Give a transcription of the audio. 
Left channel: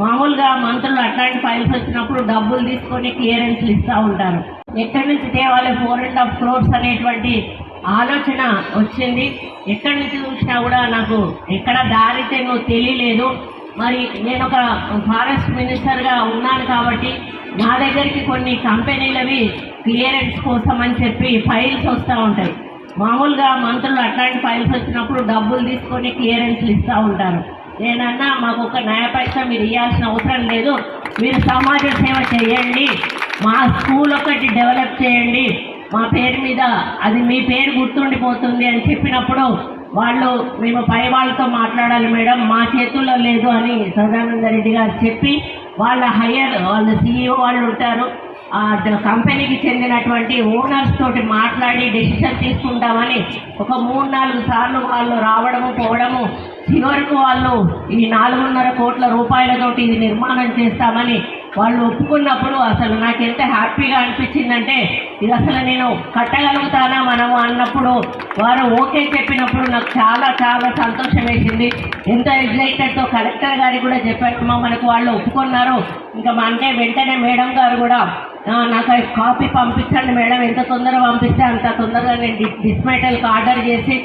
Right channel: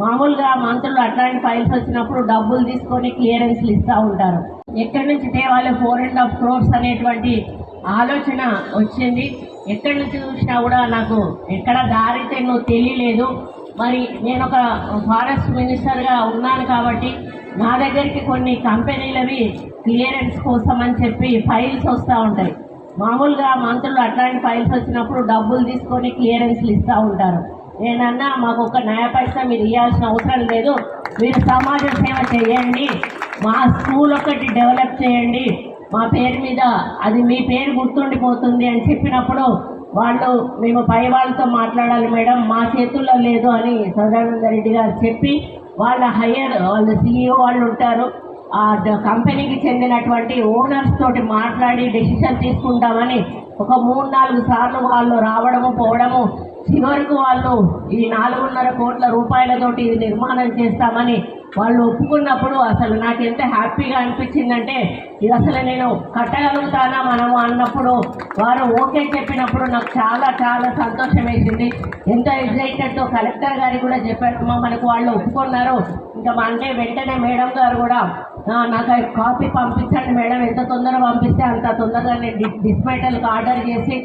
మామూలుగా మంత్రులు అట్లాంటి ఫైల్స్ వచ్చినప్పుడు డబ్బులు తీసుకొని క్లియరెన్స్లు ఇస్తూ ఉంటారు. ఎక్కడి నుంచి తేవాలి 4.5 crores అనేటువంటి ఆలోచన వచ్చింది. ఎక్కడి నుంచి చూసినా కూడా నాకు ఎక్కడ దారితే నువ్వు తెలియలేదు. మరి నేను ఒక ఫారెస్ట్ మినిస్టర్గా ఉన్నాను కాబట్టి నా దగ్గరికి కొన్ని కంపెనీలవి క్లియరెన్స్ కోసం అని చెప్పి ఫైల్స్ వస్తూ ఉంటాయి. మామూలుగా మంత్రులు అట్లాంటి ఫైల్స్ వచ్చినప్పుడు డబ్బులు తీసుకొని క్లియరెన్స్లు ఇస్తూ ఉంటారు. నేనన్నా మాకు ఒక నయా పైసా మీరు ఇవ్వాల్సిన అవసరం లేదు, మీరు సమాజ సేవ చేయండి, మా స్కూల్ ఒకటి డెవలప్ చేయండి, మా పేరు మీద అది మీ పేరు గుర్తుండిపోతుంది అని చెప్పినప్పుడు వాళ్ళు మేము పై వాళ్ళతో మాట్లాడాలి మేడం, మా చేతుల్లో లేదు అని సదానంద రెడ్డి గారు చెప్పి వాళ్ళు CEO వాళ్ళు ఉంటారు, ఆ కంపెనీకి చెందినటువంటి ఓనర్స్ తోటి మాట్లాడి డెసిషన్ తీసుకుంటామని ఒక 3-4 సార్లు వాళ్ళు రావడము పోవడము, చివరకు వాళ్ళు ఈ 4.5 కోట్ల రూపాయలతోటి ఇది నిర్మాణం చేస్తామని వాళ్ళు ఒప్పుకున్నప్పుడు అసలు నాకు ఎంత హ్యాపీగా అనిపించిందంటే ఇది అసలు నేను కట్టగలుగుతానా మనము అన్నప్పుడు వారు ఓకే చెప్పినప్పుడు నాకు చాలా చాలా సంతోషం వేసింది. ఎంతో ఎగ్జైటెడ్తో కలెక్టర్ గారికి కూడా చెప్పాను, మనకు వాళ్ళు ఒప్పుకున్నారు. ఇంకా అంటే వెంటనే మేడం గారు కూడా నాకు కాపీ పంపించండి మేడం, ఎంత తొందరగా పంపిస్తే అంత తొందరగా నేను డిస్మెటల్కి ఆర్డర్ చేసి